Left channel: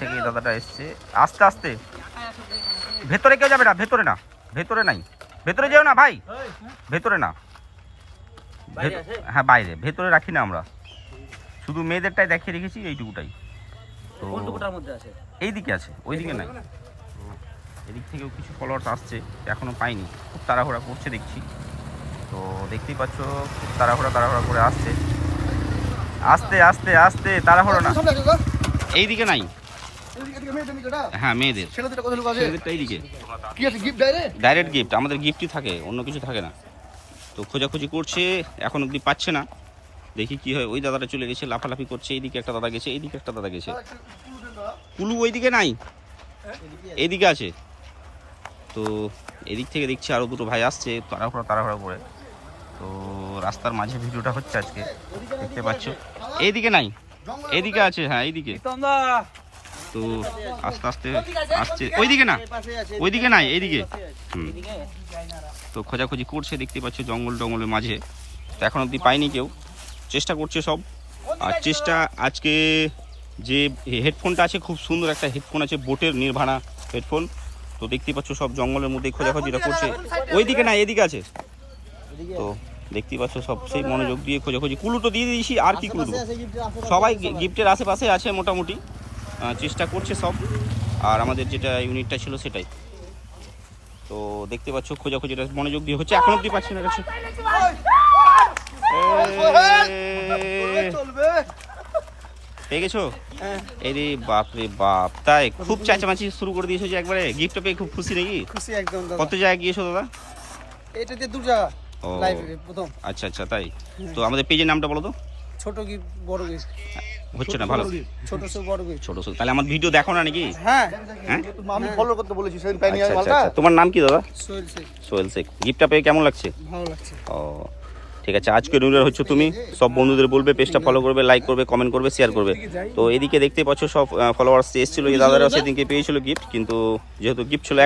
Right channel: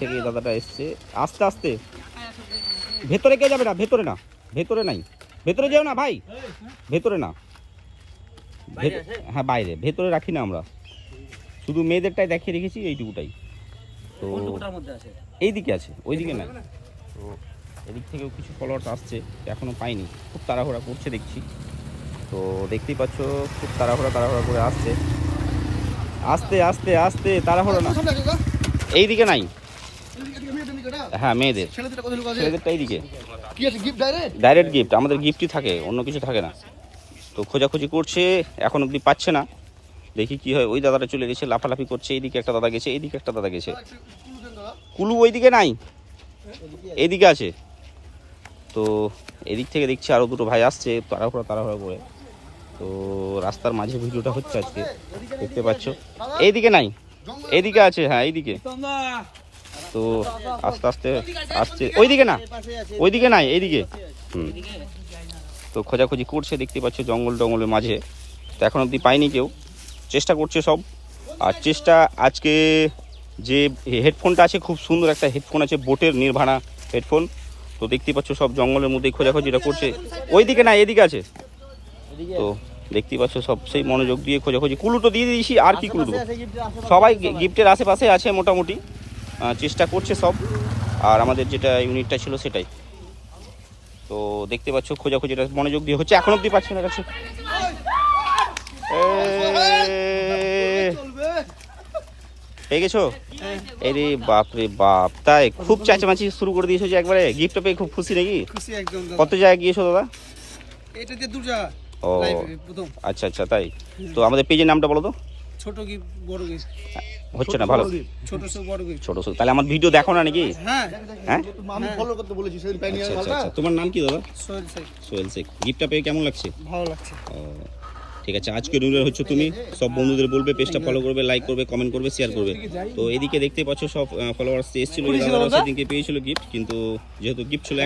থেকে এই দাদাটা এসছে। আস্তে আস্তে, ভেতরে কেউ যাবে না, ভেতরে না, ভেতরে নাই, ভেতরে যেও না ভাই, ভেতরে না, হ্যাঁ বাইরে, ভেতরে রাখি না আমরা, শুধু মেয়েদেরটাই দেখিয়ে রেখেছি এইটুকুটাই। তো এইদিকে আছে, ওইদিকে নাই। তো এদিক থেকেও কিছু ফলোয়ার্স আসছে, এখনও পাইনি, খুব তাড়াহুড়া করছে দেখছি। তো দেখতেই পাচ্ছ খুব তাড়াহুড়া করে আসছে, আস্তে আস্তে আস্তে, তাড়াহুড়া না। এইদিকে নাই, হ্যাঁ মেয়েদের, ছেলেদেরটা এইদিকে ডাইরেক্ট গিফট, আমাদের গিফটই থাকে, অন্য কিছু থাকে না। তো খোঁজাখুঁজি করছে, এখন অব্দি পাচ্ছে না, দেখি কি হয়। ওই দাদাটা চলে গেছে, লাফালাফি করছে, এইদিকে একটা দাদা গেছে, এইদিকে একটা দাদা গেছে। কুলু ওইদিকে নাই, এইদিকে আছে। তো এদিক থেকে দেখছি আরও দুটো ভাই আসছে তাড়াহুড়া করে। তো রাস্তার মাঝে ভিডিওটা হচ্ছে আজকে, দেখতে পাচ্ছ। এইদিকে নাই, এইদিকে আছে, হ্যাঁ এইদিকে। তো আস্তে আস্তে আসছে, ওইদিকে না, ওইদিকে নাই, এইদিকে। তো খোঁজাখুঁজি করছে, দেখতে পাচ্ছ জঙ্গলের মাঝে। তো এখন অব্দি পাইনি কেউ, চেষ্টা করছে সব। আর চেষ্টা আজকে যে হেডফোনটা আছে, খুব সুন্দর একটা হেডফোন আছে, বোটের নির্ভানা হেডফোন। তো দেখতে পাচ্ছ সব জঙ্গলের মধ্যে খোঁজাখুঁজিটা করছে। ওইদিকে না, এদিকে আছে। তো দেখতে পাচ্ছ সব সেই মনোযোগ দিয়ে খোঁজাখুঁজি। কুলুটো দিয়ে দিয়েছি, আর কি কুলু, সবাই গিফটের আশেপাশে আছে মোটামুটি, চেষ্টা করছে সব। আর আমাদের যেটা ইউনিটটা ছিল সেটাই। তো দেখতে পাচ্ছ খোঁজাখুঁজিটা মনোযোগ দিয়ে হচ্ছে, এখন অব্দি পাচ্ছি না কাছে। পেয়ে গেছো? আরে বাপরে বাপ, তাই খুব চেঁচামেচি শুরু করে দিয়েছো যে একবারে, গিফটটা পেয়ে খুব খুশি নাকি? খুশি একদম। কত জায়গায় গিয়েছো দাদা? এটাতে দু জায়গা। ও প্রথম। আচ্ছা আচ্ছা, তাই। তো আমাদের পেজের নামটা বলো তো। ছোট গিফট বড় গিফট হচ্ছে না ভালো, ছোট সব বড় গিফট ছোট ছোট। তাহলে আমার ভিডিও দেখো না নাকি? হ্যাঁ হ্যাঁ, আমি ফলো করতে বলেছি সেদিন পাইনি আচ্ছা আমি আচ্ছা আচ্ছা। তোমার নাম কি দাদা? সোহেল শেখ। সোহেল শেখ। গিফটটা পেয়ে কেমন লাগছে? ভালো লাগছে। ও ঠিক আছে, আজকে উইনার হচ্ছে তুমি। সব বন্ধুদের বলবে পেজটা ফলো করবে, লাইক করবে, কমেন্ট করবে, শেয়ার করবে। তো এদিকে দেখতে পাচ্ছ সব ফলোয়ার্স এসেছিল, এই দাদারাও সেদিনকে পেয়েছিল গিফট, কিন্তু যেহেতু গিফট ছিল